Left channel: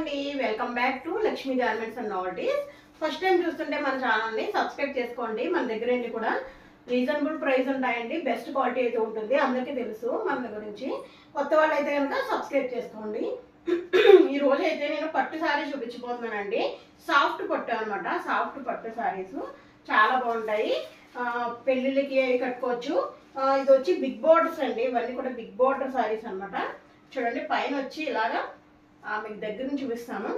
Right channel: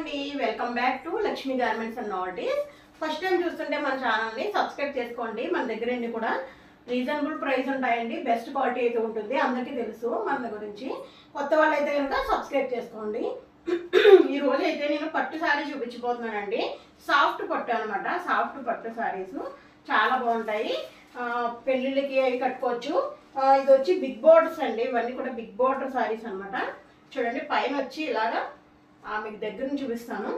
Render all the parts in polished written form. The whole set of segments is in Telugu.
అండి, welcome back to Lakshmi garments and novelties. First time చూస్తుంటే మన ఛానల్ని సబ్స్క్రైబ్ చేసుకోండి. మన దగ్గర కూడా రీజనబుల్ ప్రైస్ ఉంటాయండి, బెస్ట్ క్వాలిటీ అయితే ఉంటుంది, అందరికీ తెలుసు మన గురించి. కొత్త వాళ్ళు అయితే కనుక సబ్స్క్రైబ్ చేసుకోండి. ఈ రోజు అయితే నేను పట్టు శారీ చూపించబోతున్నానండి. సాఫ్ట్ పట్టు అనమాట, సాఫ్ట్ పట్టు శారీస్ చాలా బాగుంటాయి. పెళ్ళిళ్ళకి కట్టుకోవచ్చు. ఇది వచ్చి బిగ్ బోర్డర్స్ అండి, ఇవన్నీ కూడా బిగ్ బోర్డర్ శారీస్ అనమాట. చూడండి, పైన వచ్చి ఇలాగా మీకు దగ్గర నుంచి చూపిస్తాను.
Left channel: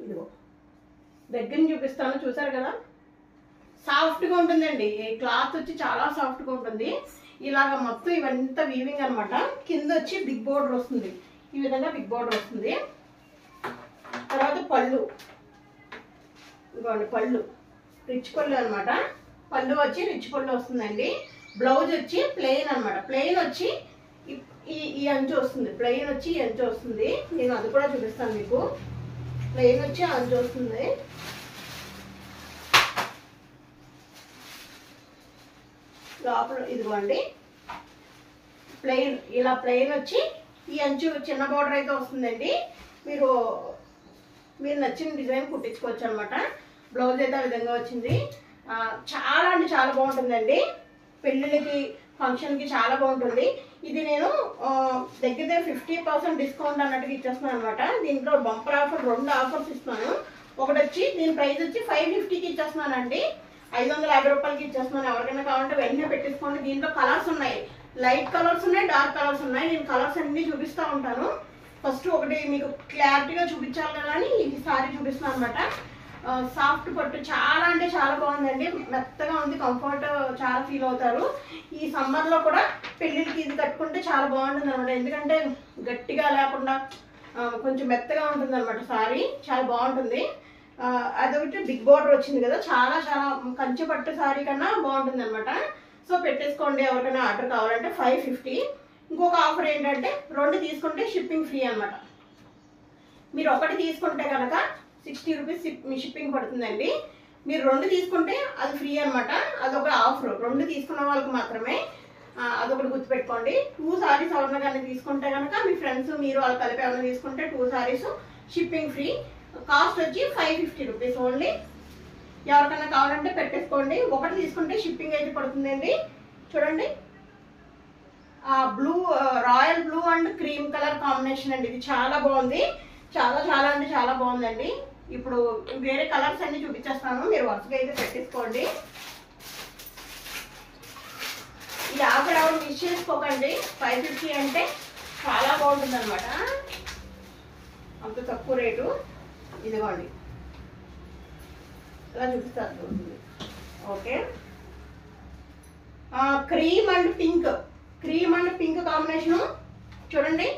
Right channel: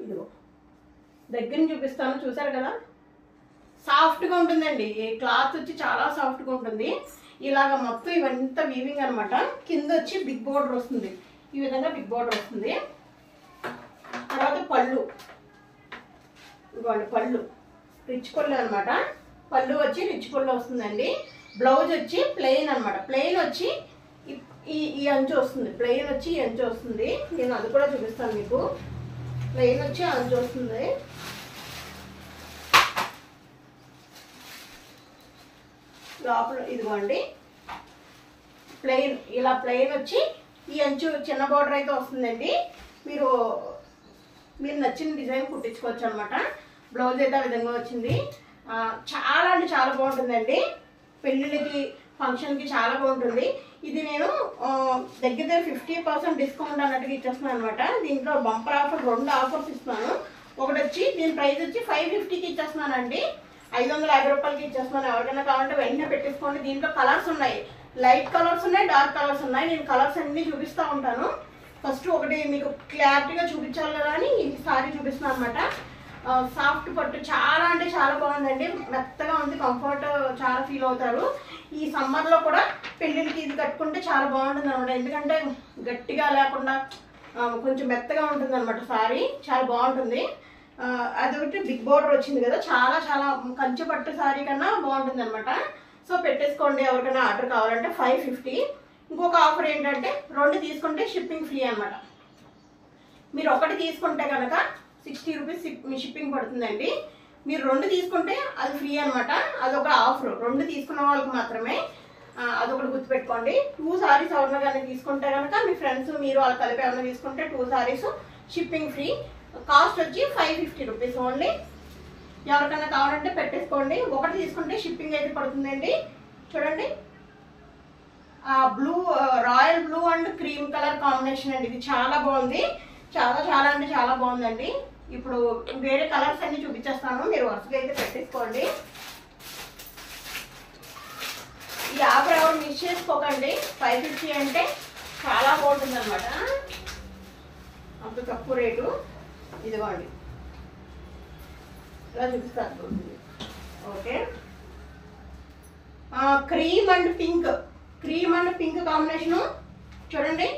ఇదిగో దగ్గర నుంచి చూపిస్తాను, చూసారు కదా, సాఫ్ట్గా ఉంటుందండి. ఈ క్లాత్ వచ్చి చాలా సాఫ్ట్గా ఉంటుంది. ఇలాగ మొత్తం ఇవంతా వీవింగ్ అనమాట. కింద వచ్చి బిగ్ బోర్డర్ వస్తుంది, ఈ విధంగా బిగ్ బోర్డర్ వస్తుంది. తర్వాత పళ్ళు, ఇదిగోండి పళ్ళు, రిచ్ పళ్ళు అనమాట. పళ్ళు వచ్చి రిచ్ పళ్ళు వస్తుందండి. బ్లౌజ్ వచ్చి ప్లెయిన్ అనమాట. ప్లెయిన్ వచ్చి ఈ అంచు వస్తుంది, ప్లెయిన్ వచ్చి ఈ అంచు వస్తుంది. నేను అది కూడా చూపిస్తాను మీకు. ప్లెయిన్ వచ్చి అంచు వస్తుంది. లోపల ఇదిగోండి ప్లెయిన్, ఇలా ప్లెయిన్ వచ్చి ఈ అంచు చిన్న బార్డర్ అయితే వస్తుందండి. మీరు నచ్చిన డిజైన్ కుట్టించుకోవచ్చు అనమాట. బ్లౌజ్ అయితే ఆ విధంగా వచ్చింది. చాలా అంటే చాలా బాగుంటుందండి. పెళ్ళిళ్ళకి ఫంక్షన్కి చాలా బాగుంటుంది. ఇది నేను దగ్గర 50% డిస్కౌంట్ అన్నట్టుగా ఇచ్చేస్తున్నాను అనమాట. దీంట్లో బంపర్ ఆఫర్, 2 ఆఫర్స్ ఇస్తున్నాను. ఒకటి వచ్చి దీని ప్రైస్ వచ్చి 550కి ఇచ్చేస్తున్నానండి, 550 రూపాయలకి ఇచ్చేస్తున్నాను. ఎవరికైనా కావాలంటే వెంటనే పెట్టేసుకోండి. దీంట్లో కలర్స్ ఉన్నాయి, లైట్ కలర్స్ ఉన్నాయి, డార్క్ కలర్స్ ఉన్నాయి. నేను కలర్స్ అన్ని చూపిస్తూ ఉంటాను. ఫస్ట్ ఒకటి మీకు క్లారిటీగా చూపించాలి కదా అని ఈ సారీ చూపిస్తున్నాను అనమాట. సాఫ్ట్ పట్టు చాలా అంటే చాలా బాగుందండి, మెత్తగా ఉంది, కంఫర్ట్ చాలా ఫీల్ అవుతారు. ఈ సమ్మర్లో కూడా పెళ్ళిళ్ళకి ఇది కట్టుకుంటే చాలా బాగుంటుంది అనమాట. ఎందుకంటే గట్టిగా లేకుండా కొంచెం మెత్తగా ఉంటుంది అనమాట. సారీ చాలా బాగుంటుంది. అదొకటి బిగ్ బోర్డర్ వచ్చింది కదా, చాలా చాలా కంచి పట్టు సారీ కన్నా బాగుంటుంది అనమాట. సో పెట్టేసుకోండి, ఎవరికైనా ఆర్డర్ కావాలంటే 550. ఇంకొక ఆఫర్ ఏంటంటే 2 తీసుకుంటే షిప్పింగ్ ఫ్రీ అనమాట. మీరు ఒకటి తీసుకుంటే కనుక 60 రూపీస్ షిప్పింగ్ పడుతుందండి. మీరు 2 తీసుకుంటే అది ఫ్రీ అనమాట. అదొక ఆఫర్, 2 తీసుకున్న వాళ్ళకి మాత్రమే. అదొకటి గుర్తుపెట్టుకోండి. 2 సారీస్ ఎవరైనా కానీ తీసుకుంటే కనుక మీ ఫ్రెండ్స్ మీరు వాళ్ళు కలిపి ఎవరైనా తీసుకుంటే 2 సారీస్ షిప్పింగ్ ఫ్రీ. కాస్ట్ వచ్చి 550 రూపీస్ ఓన్లీ. ఎవరికైనా కావాలంటే పెట్టేసుకోండి. ఒకటి తీసుకుంటే షిప్పింగ్ అయితే పడుతుందండి. చూడండి, blue, royal blue and cream colour combination అండి. ఇది చాలా బాగుంది, చాలా చాలా అంటే చాలా బాగుందండి. ఇప్పుడు వేరే కలర్స్ అన్ని చూపించేస్తాను, మీరు వరుసగా అయితే పెట్టేసుకోండి. ఈ ఆఫర్ ఎవరు మిస్ చేసుకోకండి. 550 అంటే చాలా బాగుంటుంది అనమాట, అంత తక్కువ రేటు. ఇదిగోండి ఇలా చూపిస్తారు. Okay, cream and pink, cream and pink combination. చూడండి,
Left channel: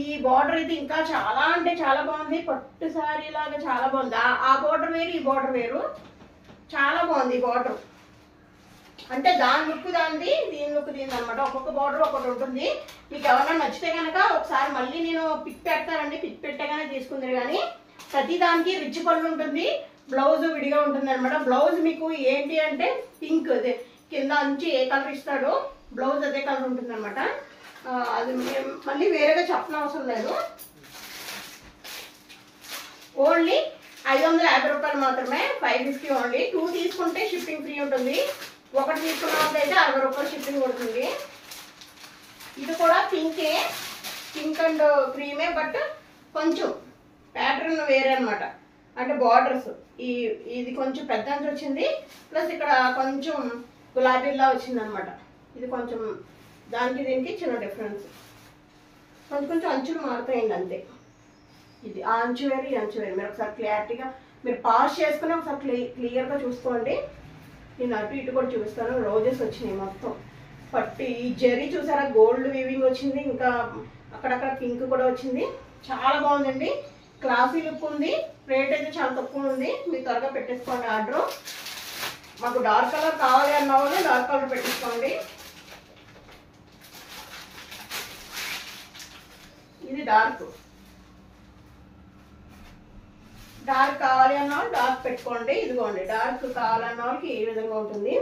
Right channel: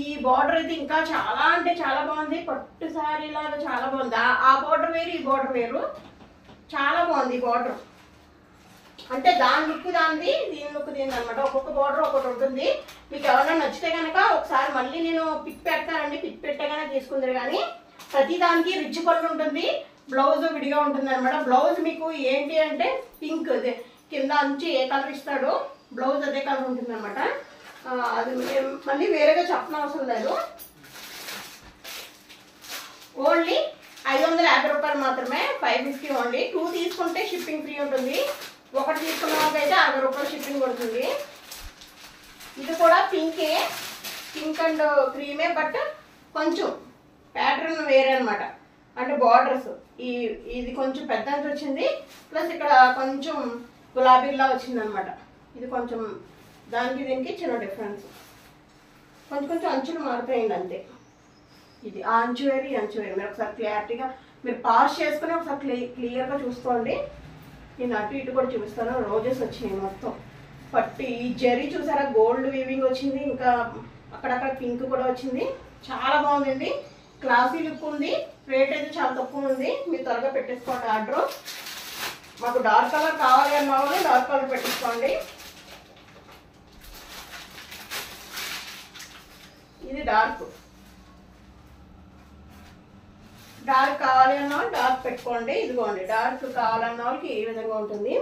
ఈ బార్డర్ అయితే ఇంకా చాలా అంటే చాలా బాగుంది. పట్టు సారీ లాగా చాలా బాగుంది. ఆ బార్డర్ వేరు, ఈ బార్డర్ వేరు, చాలా బాగుంది. ఈ బార్డర్ అంటే దాని లుక్ దానిది, దీని లుక్ దీని అనమాట. ఒక్కొక్క బార్డర్ ఒకటి ఉంటుంది. మీకు ఎవరైనా నచ్చితే కనుక ఒకసారి మళ్ళీ నేను పిక్ పెడతానండి. పిక్ పెట్టగానే తీసుకుందరు. కానీ ప్రతి దానికి రిచ్ పళ్ళు ఉంటుంది, బ్లౌజ్ విడిగా ఉంటుంది అనమాట. బ్లౌజ్ మీకు ఏంటి అంటే పింక్, కింద అంచి ఏ కలర్ ఇస్తాడో బ్లౌజ్ అదే కలర్ ఉంటుంది అనమాట. అది మళ్ళీ వేరేగా చెప్పనవసరం లేదు. ఓన్లీ 550 రూపాయలు మాత్రమే, 550 ఓన్లీ. 2 తీసుకుంటే షిప్పింగ్ ఫ్రీ ఉంటుంది. ఒకటి తీసుకున్న వాళ్ళకైతే 60 రూపాయలు షిప్పింగ్ పడుతుంది. ఇది కూడా పింకే, పింక్ అండ్ క్రీమే, బట్ కొంచెం ప్యాటర్న్ వేరే అనమాట. అంటే బార్డర్స్ ఇది కొంచెం పెద్ద అంచు వచ్చింది, ప్లస్ ఇక్కడ కొంచెం గులాబీలా వచ్చింది అనమాట. ఇది కొంచెం దానికి దీనికి చిన్న డిఫరెన్స్, కొంచెం కొంచెం అంచులు మారుతాయండి అంతే. ఇది ఆ అంచు వేరు, ఈ అంచు వేరు. మీరు ఒకసారి క్లారిటీగా మీరు పాస్ చేసుకుని ఒకసారి క్లియర్గా చూసుకోండి. నేను అటు ఇటు కూడా చూపిస్తాను. రోజెస్ వచ్చినాయి మొత్తం పట్టి. ఈ జరీ చూసారా, గోల్డ్ వీవింగ్ వచ్చింది, ఇంకా అక్కడక్కడ పింక్ కూడా వచ్చింది. చాలా బాగుందండి, క్లాసీ లుక్ ఉంది. రేట్ అయితే చాలా తక్కువ ఉంది. మీరు త్వరగా పెట్టేసుకోండి ఆర్డర్. మాకు డార్క్ కలర్ కావాలి అన్న వాళ్ళు డార్క్ కలర్ పెట్టేసుకోండి. ఇది డార్క్, డార్క్ కావాలి అన్న వాళ్ళు డార్క్ పెట్టుకోండి. ఇదిగోండి, డార్క్ కావాలన్న వాళ్ళకి ఈ విధంగా ఉంటుంది.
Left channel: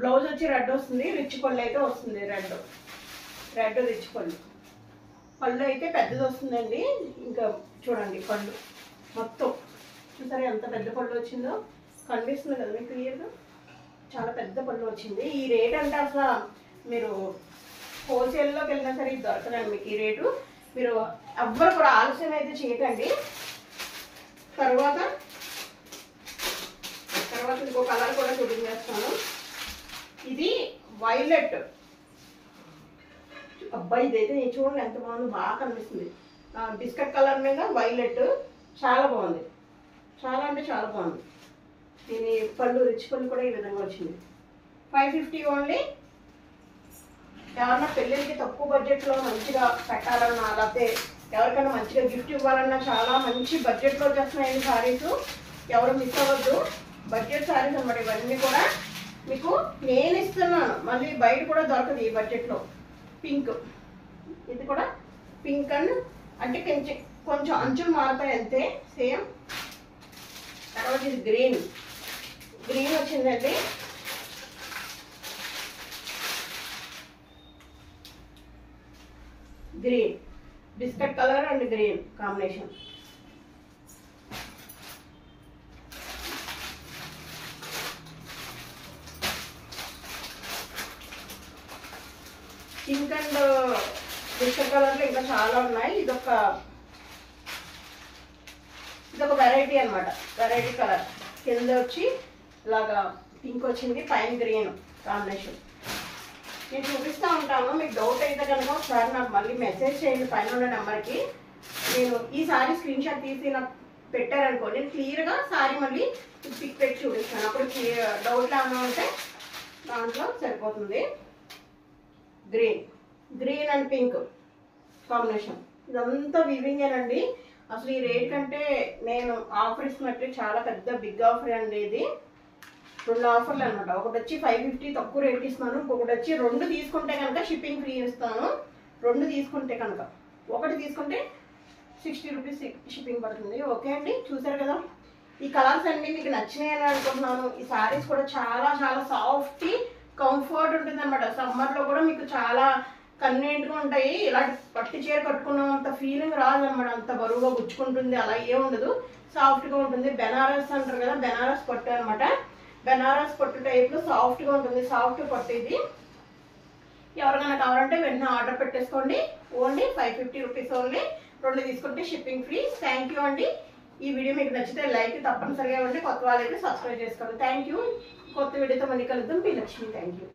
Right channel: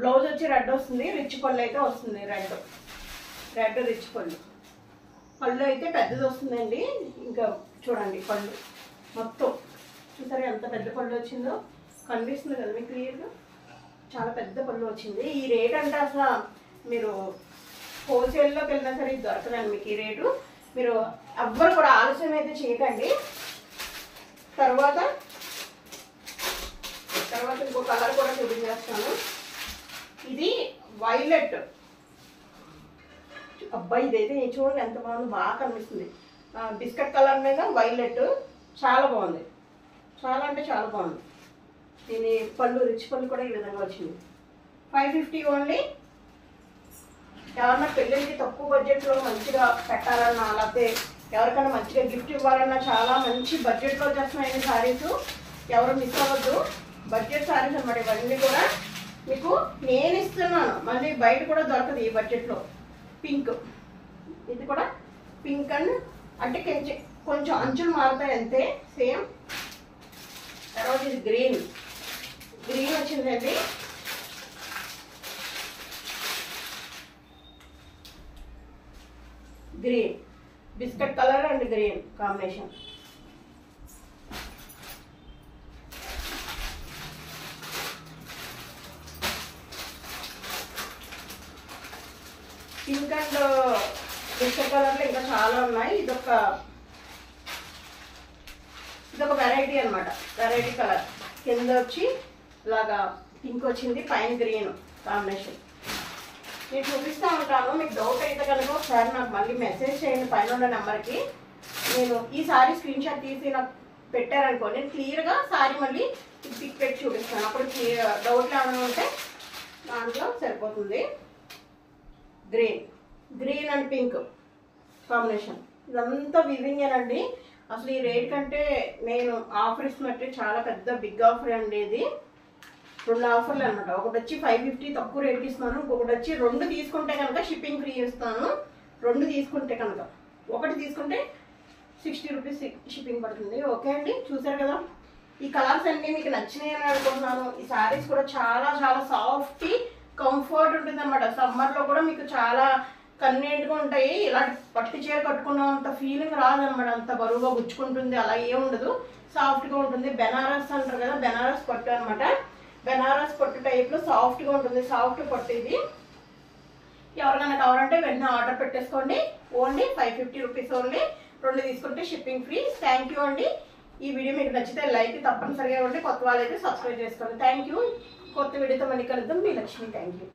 బ్లౌజ్ వచ్చి రెడ్ వస్తుంది, రిచ్ పళ్ళు అయితే వస్తుంది. రెడ్ రిచ్ పళ్ళు. పళ్ళు అయితే పెద్దది వస్తుందండి. ఇంకా చూడండి పళ్ళు మొత్తం చూసారా ఎంత పెద్ద పళ్ళు వచ్చిందో, కనిపిస్తుంది కదా మీకు క్లియర్గా, చాలా పెద్ద పళ్ళు వచ్చింది. ఈ రేట్ అంటే అసలు మీరు హోల్సేల్లోకి వెళ్ళినా సరే ఇది దొరకదండి మీకు ఈ రేటు. మీరు ఎవ్వరు కూడా ఆలస్యం అయితే చేయకండి. తర్వాత ఇంకో కలర్ కూడా చూపించేస్తాను. ఇది వైలెట్. అబ్బాయి ఇదైతే నేను చూడండి ఎంత బాగుంది, బాగా కనిపిస్తుంది. బిస్కెట్ కలర్ మీద వైలెట్ చాలా బాగుంది, చాలా అంటే చాలా బాగుంది. దీని పళ్ళు రిచ్ పళ్ళు కూడా ఈ విధంగా వచ్చింది. 550 ఓన్లీ. ఎవరన్నా పెళ్ళిళ్ళకి తక్కువ బడ్జెట్లో మంచిగా పెట్టాలన్నా, లేకపోతే ఎవరికైనా మంచిగా గిఫ్ట్ ఇవ్వాలన్నా చాలా మంచి బడ్జెట్లో వచ్చేస్తున్నాయి శారీస్. ఎవరు మిస్ అవ్వద్దు. బడ్జెట్ శారీస్ అన్నమాట ఇవన్నీ కూడా. మీకు నేను ఇస్తున్నాను, మళ్ళీ బయట కూడా దొరకదు ఈ బడ్జెట్లో. పింక్, ఇది కూడా పింక్ అండ్ అంటే కొంచెం అంచులు మారుతాయి అంతే సేమ్. తర్వాత ఇది గ్రీన్ వచ్చిందండి. Green, biscuit colour and green combination. Pink and biscuit కలర్లో ఇంకా చాలా ఉన్నాయి. ఇదొక వెరైటీ అనమాట, వెరైటీ కలర్. కింద వచ్చి ఇలాగా పింక్ వచ్చింది, పైన గ్రీన్ కాంబినేషన్. నేను చూపిస్తూ ఉంటాను. మీకు డౌట్ అయితే కనుక ఒకసారి నాకు మళ్ళీ మెసేజ్ చేయండి పైన ఉన్న నెంబర్కి. నేను ఈ సారీ స్క్రీన్ షాట్ తీసి నాకు పెట్టారనుకో, నేను క్లియర్గా సారీ మళ్ళీ పిక్ పెట్టి చూపిస్తాను. అప్పుడు డౌట్లు ఏమైనా ఉంటే దాంట్లో సరిపోతుంది. Green and pink combination. ఇదంతా వివింగేనండి. అసలు ఈ రేట్ కంటే నేను ఆఫర్ ఇస్తున్నట్టు చాలా పెద్ద బిగ్ ఆఫర్ అండి ఇది. 2 ఆఫర్లు అనమాట. ఒకటి వచ్చి 550 తక్కువ రేట్కి ఇస్తున్నాను, ఇంకొకటి వచ్చి 2 తీసుకుంటే కనుక షిప్పింగ్ ఫ్రీ ఇస్తాను. 2 తీసుకుంటే కనుక, ఒకటి తీసుకుంటే 60 రూపీస్ షిప్పింగ్ పడుతుంది. ఓకే అండి, చూసారు కదా ఈ కలర్స్ అన్నీ మీకు నచ్చినాయి అని అనుకుంటున్నాను. ఈ శారీస్ కూడా చాలా చాలా సాఫ్ట్ కంఫర్ట్ ఉంటుంది అనమాట. సమ్మర్లో కూడా మీకు చాలా కన్వీనియంట్గా ఉంటాయి. ఇలాంటి పట్టు చీర కట్టుకున్నంత ఫీలింగ్ రాదనమాట. అంత బరువుగా గుచ్చుకుంటుంది అలా ఏం ఉండదు, సాఫ్ట్గా ఉంటుంది. బెనారస్ అంటారు కదా, బెనారస్ పట్టు అనమాట. బెనారస్ పట్టు టైప్లో సాఫ్ట్గా ఉంటుంది, సాఫ్ట్ పట్టు ఇది. ఎవరికైనా కావాలంటే వెంటనే ఆర్డర్ పెట్టేసుకోండి. Only 550 rupees only. 2 తీసుకుంటే షిప్పింగ్ ఫ్రీ. థ్యాంక్ యూ అండి. ఈ వీడియో మీకు నచ్చితే లైక్ తప్పనిసరిగా ఉంటే, కొత్త వాళ్ళైతే సబ్స్క్రైబ్ చేసుకోండి. Thank you. కొత్త వీడియోతో మళ్ళీ కలుద్దాం. మీ లక్ష్మి. Thank you.